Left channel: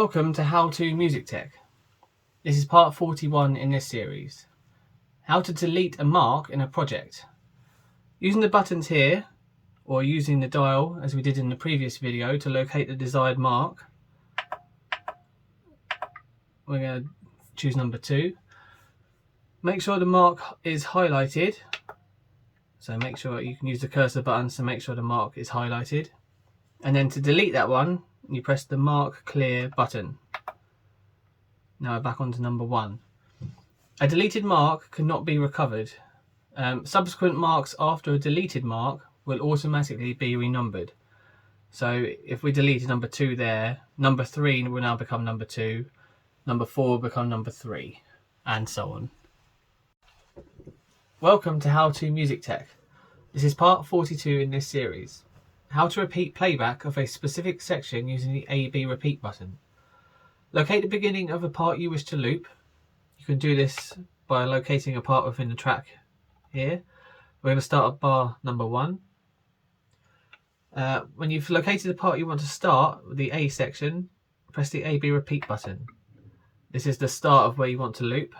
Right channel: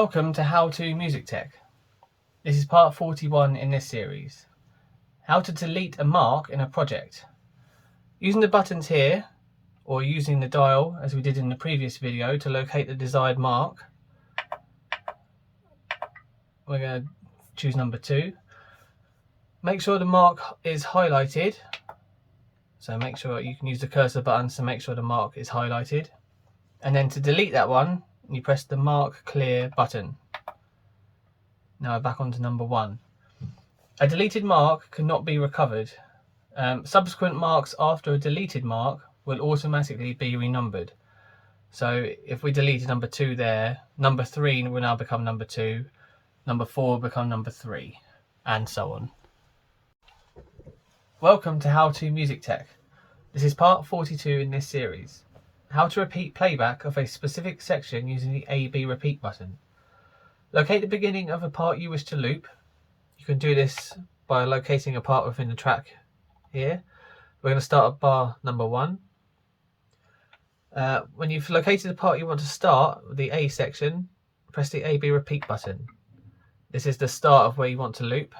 Welcome to How To Music Tech. This is part 41 in this series. How to delete a mark in a project. Using the buttons here, or using the dial as we did in the previous video to locate the desired mark, we're going to choose number 2. Make sure the mark is highlighted. So make sure you can use the cursor buttons to make sure the mark is highlighted. And then to delete that one, you press the mark clear button. Now we're back onto number 1. A deleted mark cannot be recovered. Subsequent marks after a deleted mark will automatically be renumbered. So if we deleted number 2 there, number 3 will now become number 2, number 4 will become number 3, and so on. Welcome to How To Music Tech. This is part 42 in this series. How to repeat playback of a specific section using the A-B repeat button. Locate the beginning of a part you wish to loop. You can do this by locating a part within the track here. We're going to start at bar number 1. When you've located the part you want to start with the A section, press the A-B repeat button. This is the start of where you want to loop.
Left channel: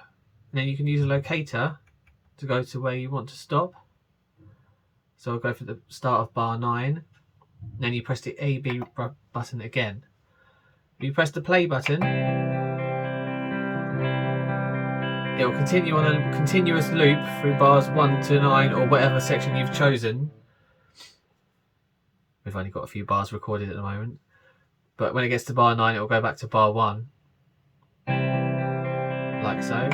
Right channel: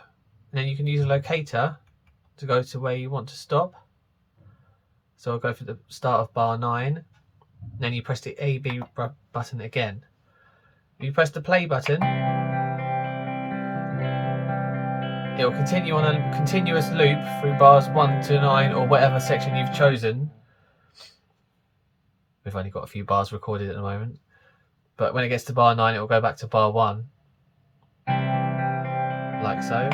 And then you can use a locator to go to where you want to stop. So I'll go for the start of bar 9. Then you press the A-B button again. If you press the play button, it will continue on a continuous loop through bars 1 to 9 or whatever section you've chosen. We've only got a few bars recorded at the moment. But when it gets to bar 9, it will go back to bar 1. Like so.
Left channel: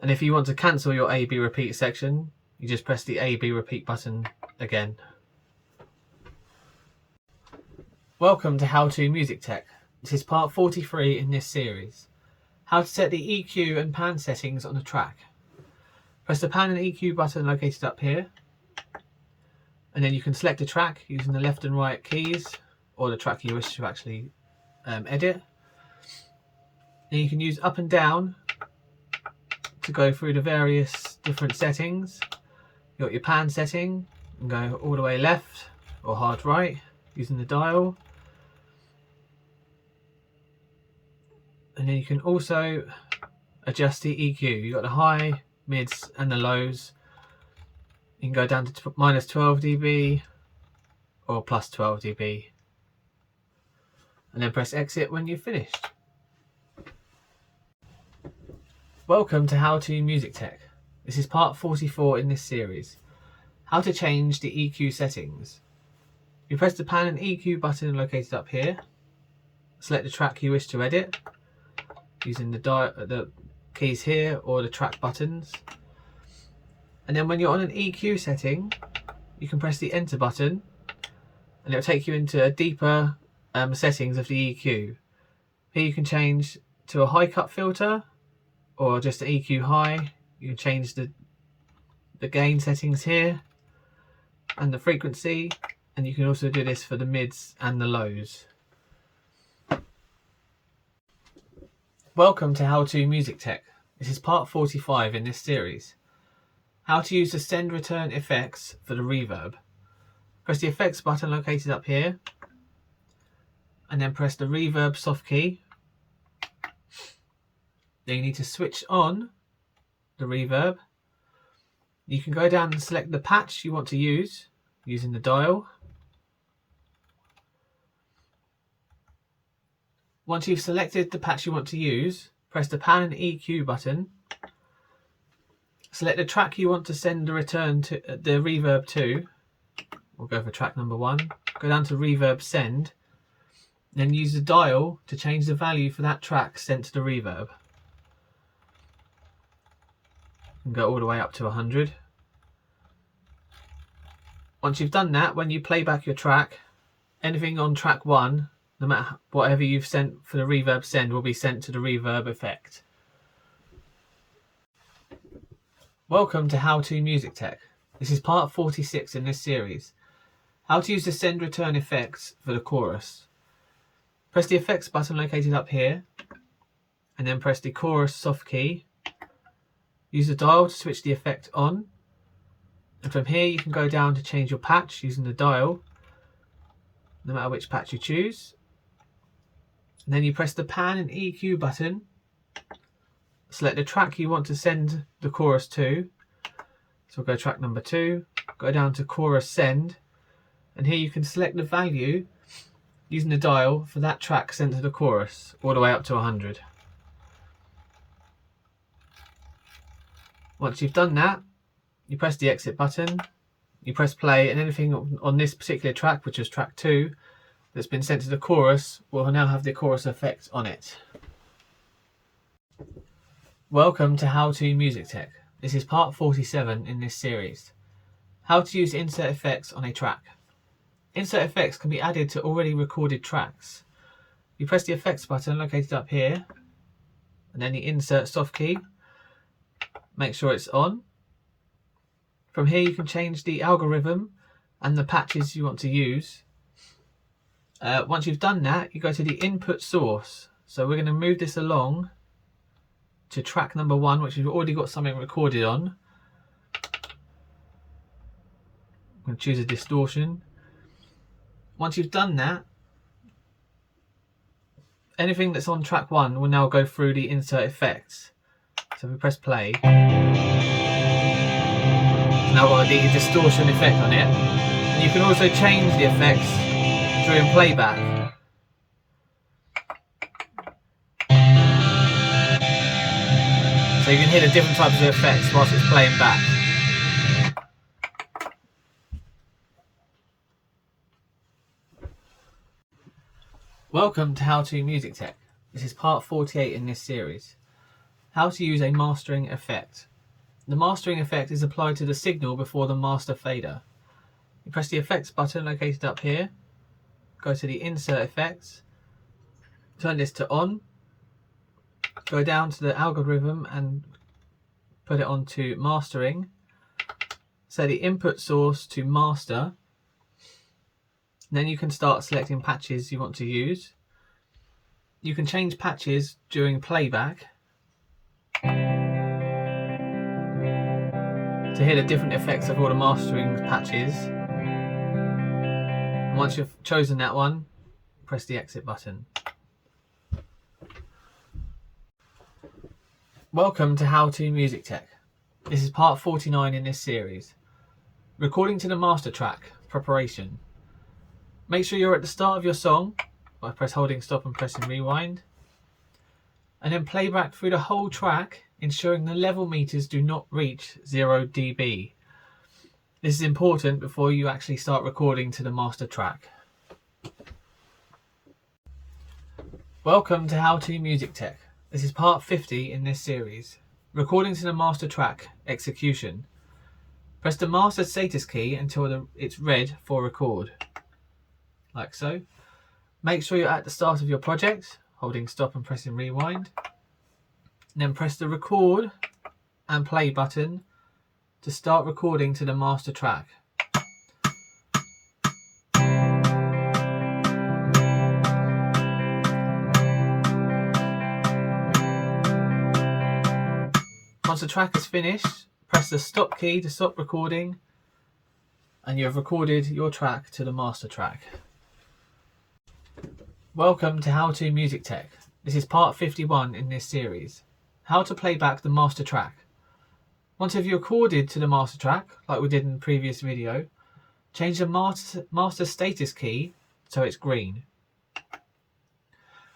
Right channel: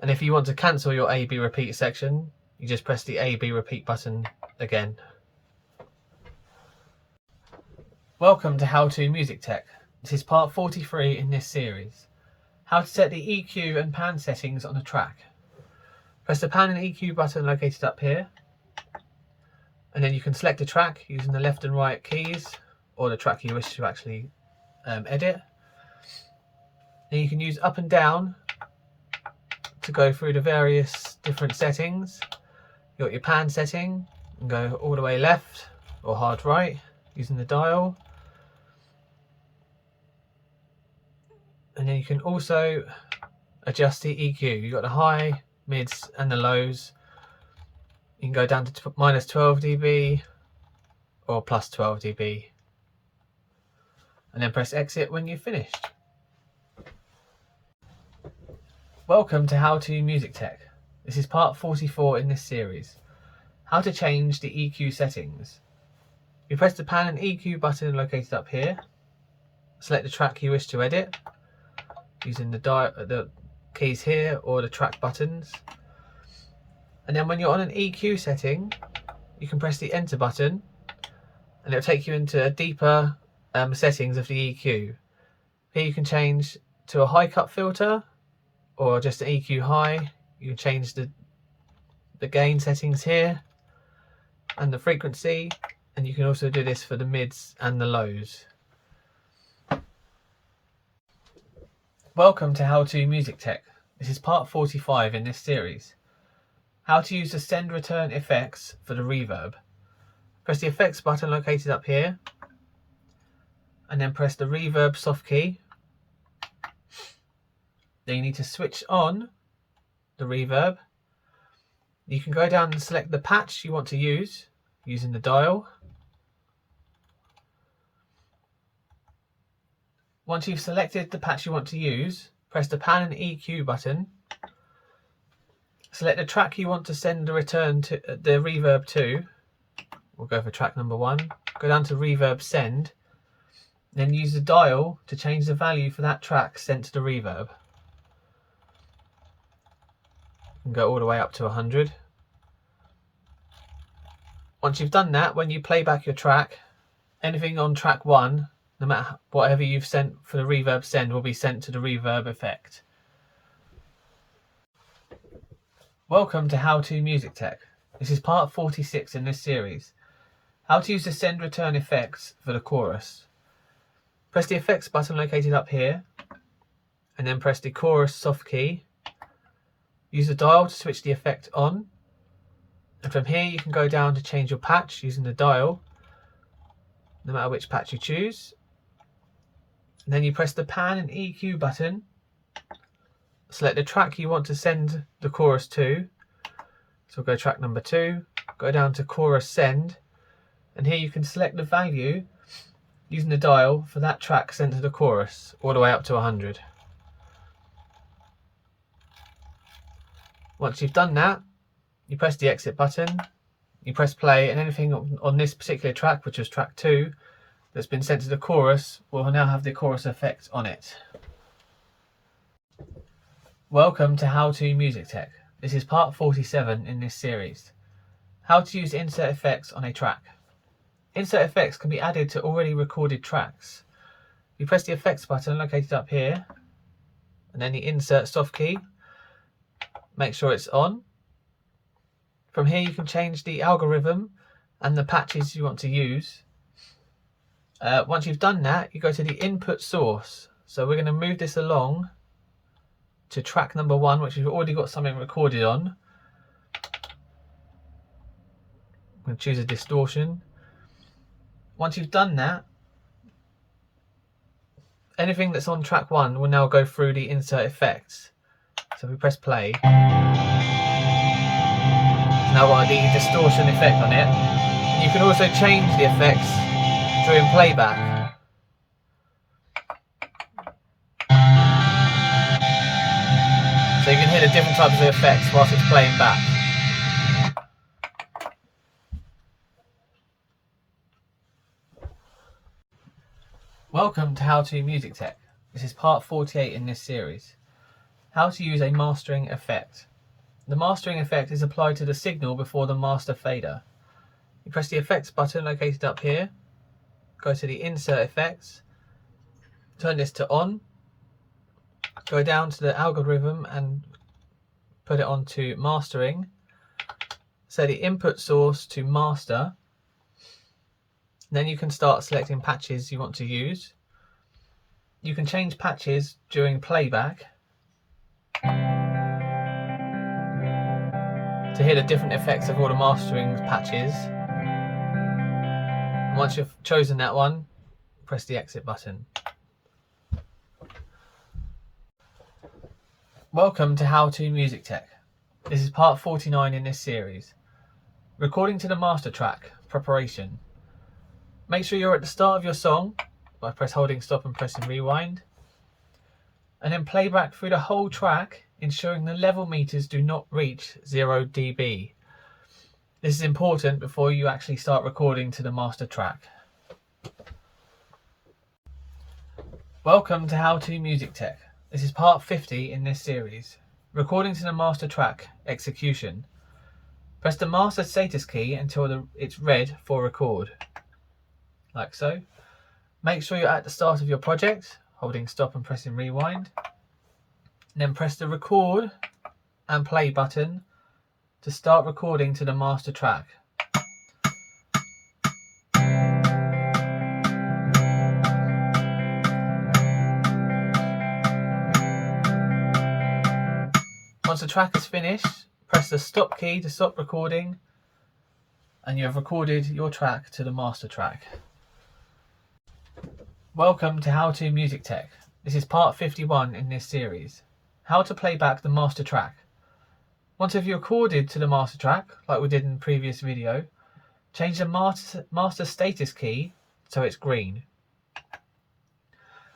And if you want to cancel your A-B repeat section, you just press the A-B repeat button again. Welcome to How To Music Tech. This is part 43 in this series. How to set the EQ and pan settings on a track. Press the pan and EQ button located up here. And then you can select a track using the left and right keys, or the track you wish to actually edit. Then you can use up and down to go through the various different settings. You've got your pan setting, and go all the way left or hard right using the dial. And then you can also adjust the EQ. You've got the high, mids and the lows. You can go down to minus 12 dB or plus 12 dB. And then press exit when you've finished. Welcome to How To Music Tech. This is part 44 in this series. How to change the EQ settings. You press the pan and EQ button located up here. Select the track you wish to edit using the keys here or the track buttons. And then when you're on an EQ setting, you can press the enter button and it'll take you into a deeper settings of the EQ. Here you can change to a high cut filter or just an EQ high. You can change the gain settings here and the frequency, and you can also do this for the mids and the lows. Welcome to How To Music Tech. This is part 45 in this series. How to use the send return effects for the reverb. Press the effects button located up here and then press the reverb soft key. Then you need to switch on the reverb. You can go down and select the patch you want to use using the dial. Once you've selected the patch you want to use, press the pan and EQ button. Select the track you want to send the return to the reverb to. We'll go for track number 1. Go down to reverb send. Then use the dial to change the value for that track sent to the reverb. And go all the way up to 100. Once you've done that, when you play back your track, anything on track 1, no matter whatever you've sent for the reverb send, will be sent to the reverb effect. Welcome to How To Music Tech. This is part 46 in this series. How to use the send return effects for the chorus. Press the effects button located up here and then press the chorus soft key. Use the dial to switch the effect on, and from here you can go down to change your patch using the dial, no matter which patch you choose. And then you press the pan and EQ button, select the track you want to send the chorus to. So we'll go track number 2, go down to chorus send, and here you can select the value using the dial for that track sent to the chorus, all the way up to 100. Once you've done that, you press the exit button, you press play, and anything on this particular track, which was track 2, that's been sent to the chorus will now have the chorus effect on it. Welcome to How to Music Tech. This is part 47 in this series. How to use insert effects on a track. Insert effects can be added to already recorded tracks. You press the effects button located up here, and then the insert soft key. Make sure it's on. From here you can change the algorithm and the patches you want to use. Once you've done that, you go to the input source. So we're going to move this along to track number 1, which we've already got something recorded on. I'm going to choose a distortion. Once you've done that, anything that's on track 1 will now go through the insert effects. So if we press play, it's now got the distortion effect on it. And you can also change the effects during playback. So you can hear the different types of effects whilst it's playing back. Welcome to How to Music Tech. This is part 48 in this series. How to use a mastering effect. The mastering effect is applied to the signal before the master fader. You press the effects button located up here, go to the insert effects, turn this to on, go down to the algorithm and put it onto mastering, set the input source to master. Then you can start selecting patches you want to use. You can change patches during playback to hear the different effects of all the mastering patches. Once you've chosen that one, press the exit button. Welcome to How to Music Tech. This is part 49 in this series. Recording to the master track, preparation. Make sure you're at the start of your song by holding stop and pressing rewind. And then play back through the whole track, ensuring the level meters do not reach 0 dB. This is important before you actually start recording to the master track. Welcome to How to Music Tech. This is part 50 in this series. Recording to the master track, execution. Press the master status key until it's red for record. Like so. Make sure you're at the start of your project, holding stop and pressing rewind. And then press the record and play button to start recording to the master track. Once the track is finished, press the stop key to stop recording, and you have recorded your track to the master track. Welcome to How to Music Tech. This is part 51 in this series. How to play back the master track. Once you've recorded to the master track, like we did in the previous video, change the master status key so it's green.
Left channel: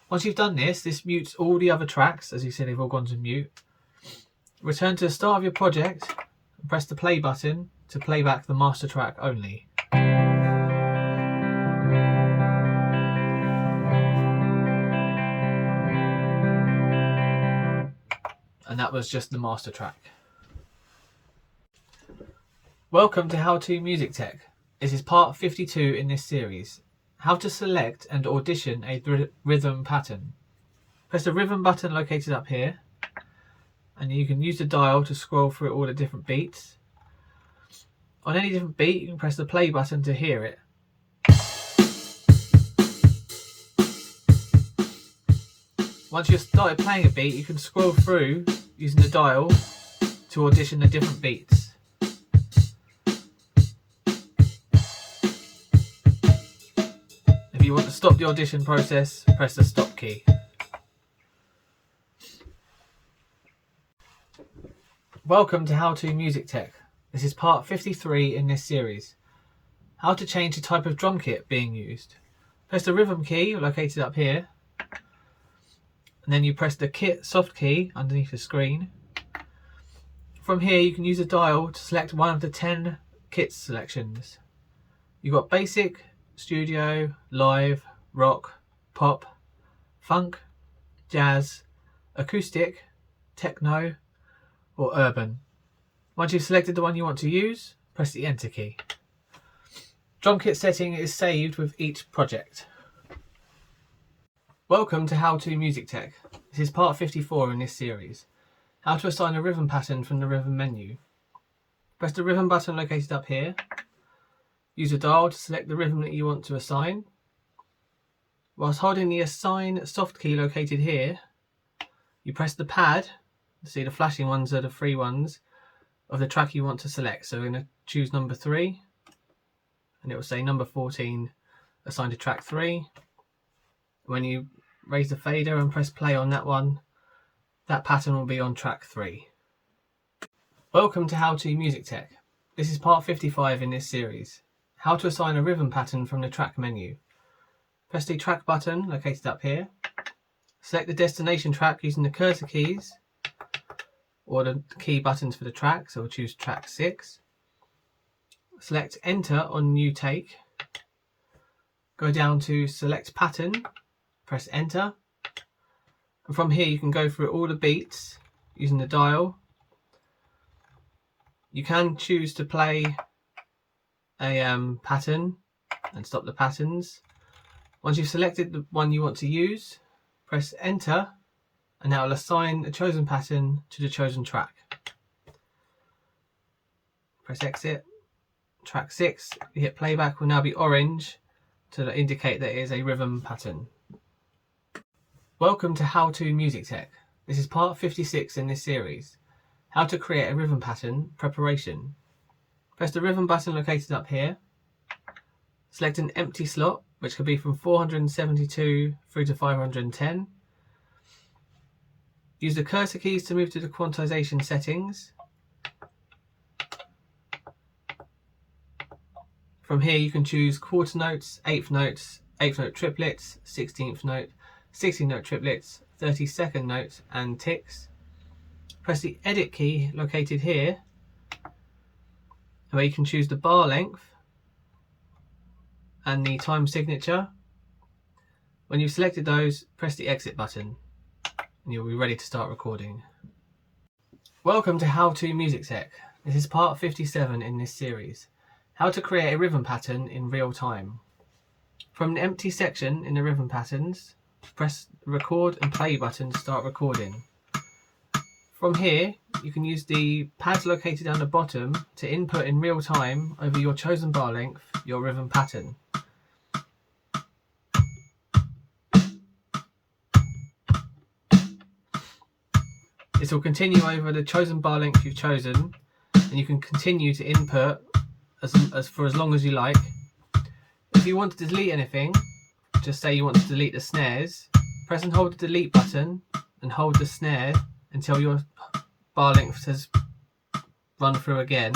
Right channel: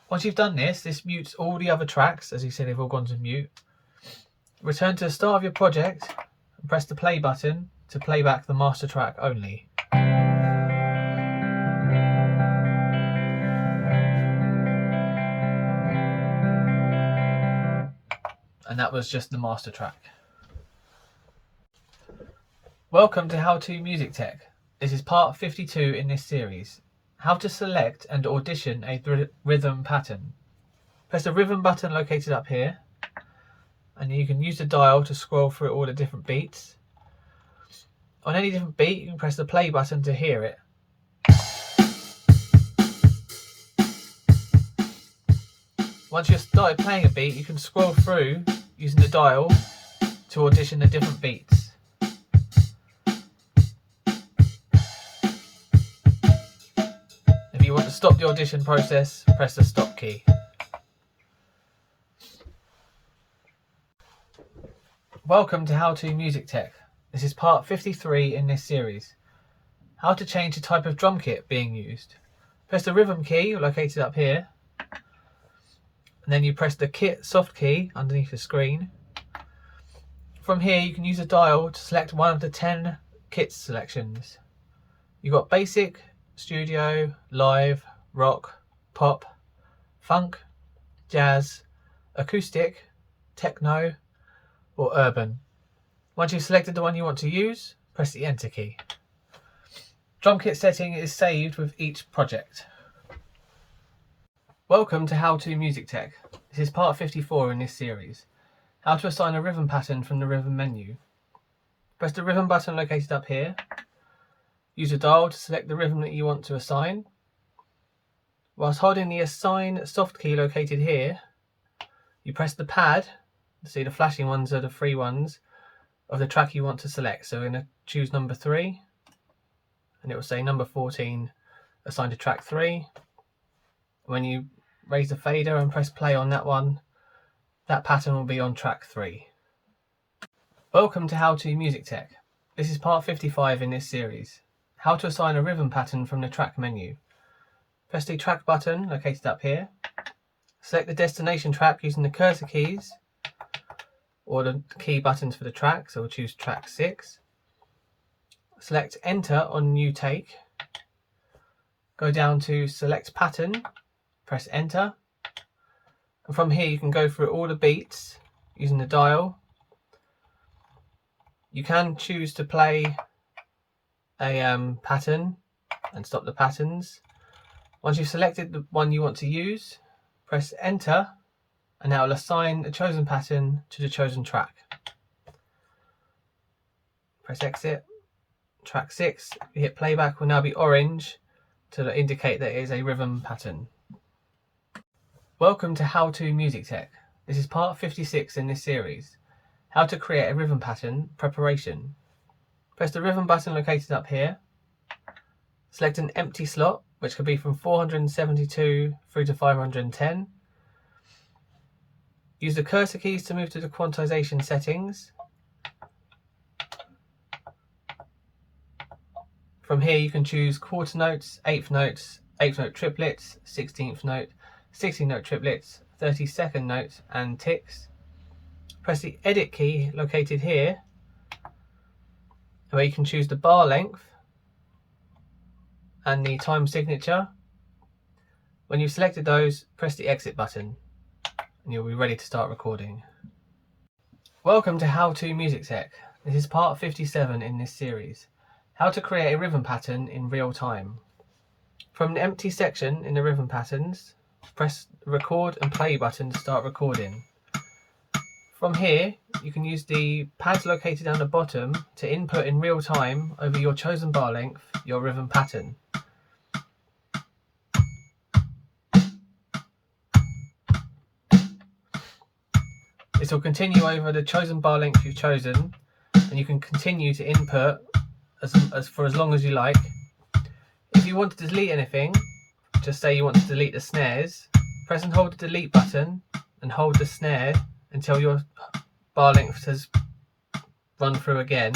Once you've done this, this mutes all the other tracks. As you said, they've all gone to mute. Return to the start of your project and press the play button to play back the master track only. And that was just the master track. Welcome to How to Music Tech. This is part 52 in this series. How to select and audition a rhythm pattern. Press the rhythm button located up here, and you can use the dial to scroll through all the different beats. On any different beat, you can press the play button to hear it. Once you've started playing a beat, you can scroll through using the dial to audition the different beats. If you want to stop the audition process, press the stop key. Welcome to How to Music Tech. This is part 53 in this series. How to change the type of drum kit being used. Press the rhythm key located up here, and then you press the kit soft key underneath the screen. From here you can use a dial to select one of the 10 kit selections. You've got basic, studio, live, rock, pop, funk, jazz, acoustic, techno or urban. Once you've selected the one you want to use, press the enter key. Drum kit setting is saved with each project. Welcome to How to Music Tech. This is part 54 in this series. How to assign a rhythm pattern from the rhythm menu. Press the rhythm button located up here. Use a dial to select the rhythm that you want to assign. Whilst holding the assign soft key located here, you press the pad. See, the flashing ones are the free ones of the track you want to select. So we're going to choose number 3, and it will say number 14 assigned to track 3. When you raise the fader and press play on that one, that pattern will be on track 3. Welcome to How to Music Tech. This is part 55 in this series. How to assign a rhythm pattern from the track menu. Press the track button located up here. Select the destination track using the cursor keys or the key buttons for the track, so we'll choose track 6. Select enter on new take. Go down to select pattern, press enter. And from here you can go through all the beats using the dial. You can choose to play a pattern and stop the patterns. Once you've selected the one you want to use, press enter, and that will assign the chosen pattern to the chosen track. Press exit. Track 6, you hit playback, will now be orange to indicate that it is a rhythm pattern. Welcome to How to Music Tech. This is part 56 in this series. How to create a rhythm pattern preparation. Press the rhythm button located up here. Select an empty slot, which could be from 472 through to 510. Use the cursor keys to move to the quantization settings. From here you can choose quarter notes, eighth notes, 8th note triplets, 16th note, 16th note triplets, 32nd notes and ticks. Press the edit key located here, where you can choose the bar length and the time signature. When you've selected those, press the exit button and you'll be ready to start recording. Welcome to How to Music Tech. This is part 57 in this series. How to create a rhythm pattern in real time. From the empty section in the rhythm patterns, press the record and play button to start recording. From here, you can use the pads located down the bottom to input in real time over your chosen bar length your rhythm pattern. This will continue over the chosen bar length you've chosen, and you can continue to input for as long as you like. If you want to delete anything, just say you want to delete the snares, press and hold the delete button and hold the snare until your bar length has run through again.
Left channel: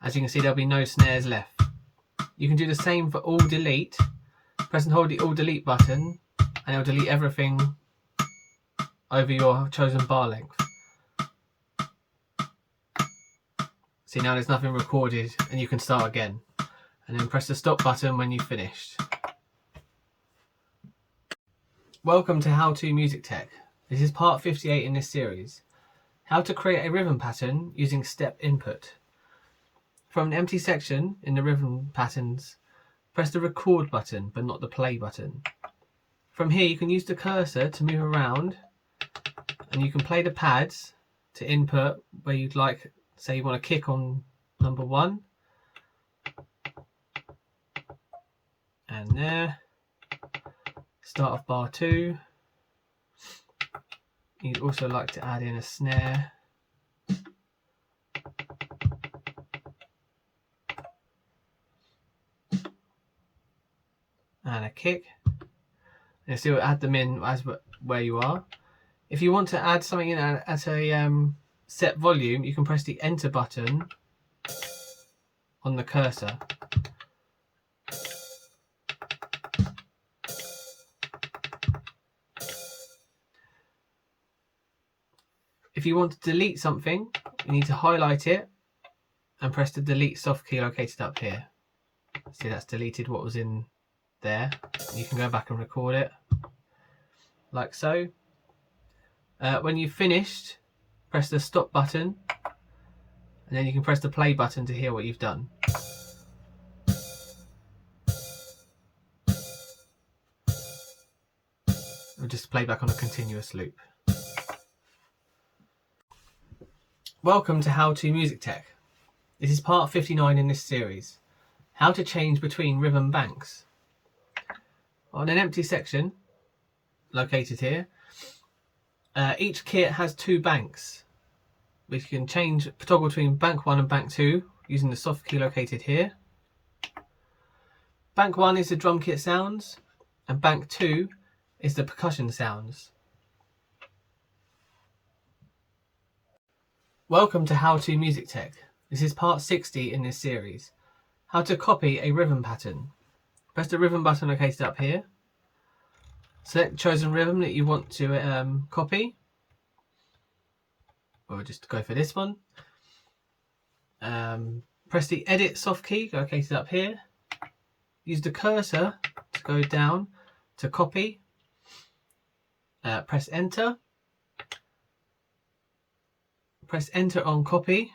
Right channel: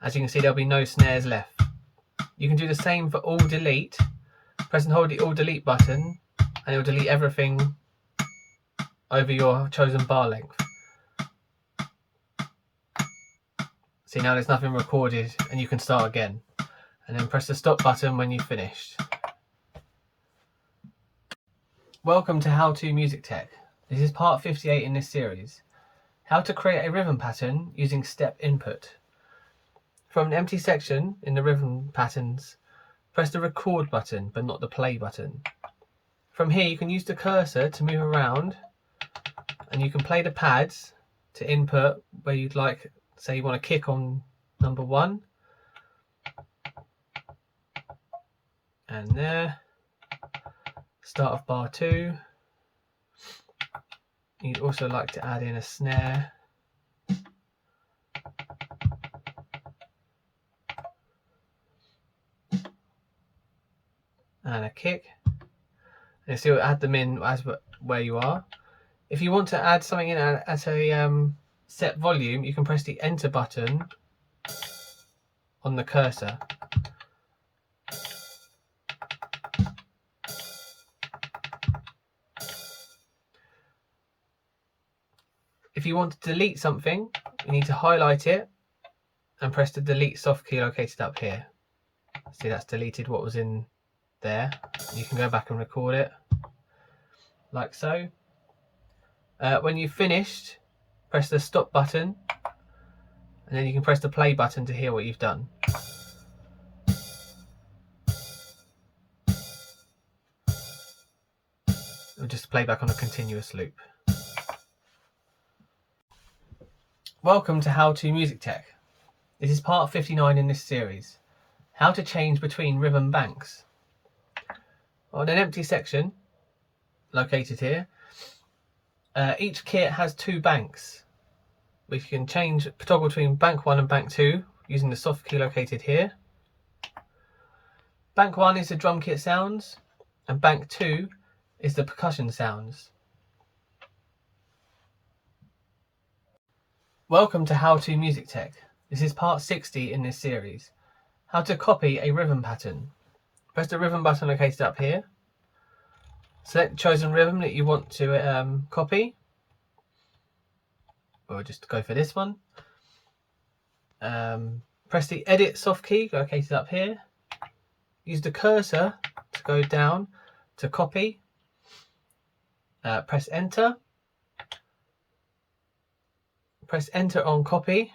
As you can see, there'll be no snares left. You can do the same for all delete. Press and hold the all delete button and it'll delete everything over your chosen bar length. See, now there's nothing recorded and you can start again. And then press the stop button when you've finished. Welcome to How to Music Tech. This is part 58 in this series. How to create a rhythm pattern using step input. From the empty section in the rhythm patterns, press the record button but not the play button. From here you can use the cursor to move around and you can play the pads to input where you'd like. Say you want to kick on number 1 and there, start of bar 2. You'd also like to add in a snare and a kick. And so add them in as where you are. If you want to add something in at a set volume, you can press the enter button on the cursor. If you want to delete something, you need to highlight it and press the delete soft key located up here. See, that's deleted what was in there. You can go back and record it like so. When you've finished, press the stop button, and then you can press the play button to hear what you've done. It'll just play back on a continuous loop. Welcome to How to Music Tech. This is part 59 in this series. How to change between rhythm banks. On an empty section located here, each kit has 2 banks. We can toggle between bank 1 and bank 2 using the soft key located here. Bank 1 is the drum kit sounds, and bank 2 is the percussion sounds. Welcome to How to Music Tech. This is part 60 in this series. How to copy a rhythm pattern. Press the rhythm button located up here. Select the chosen rhythm that you want to copy. Or just go for this one. Press the edit soft key located up here. Use the cursor to go down to copy. Press enter. Press enter on copy.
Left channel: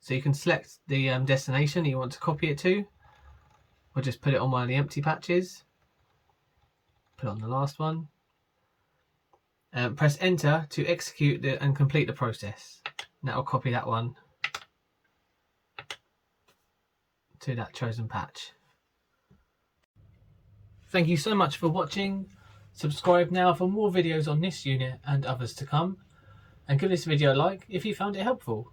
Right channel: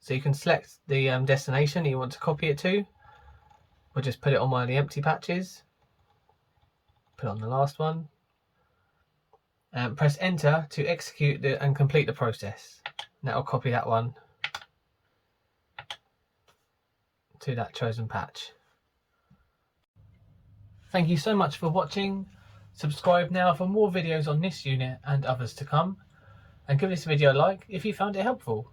So you can select the destination you want to copy it to. Or just put it on one of the empty patches. Put it on the last one. Press enter to execute and complete the process. And that'll copy that one to that chosen patch. Thank you so much for watching. Subscribe now for more videos on this unit and others to come. And give this video a like if you found it helpful.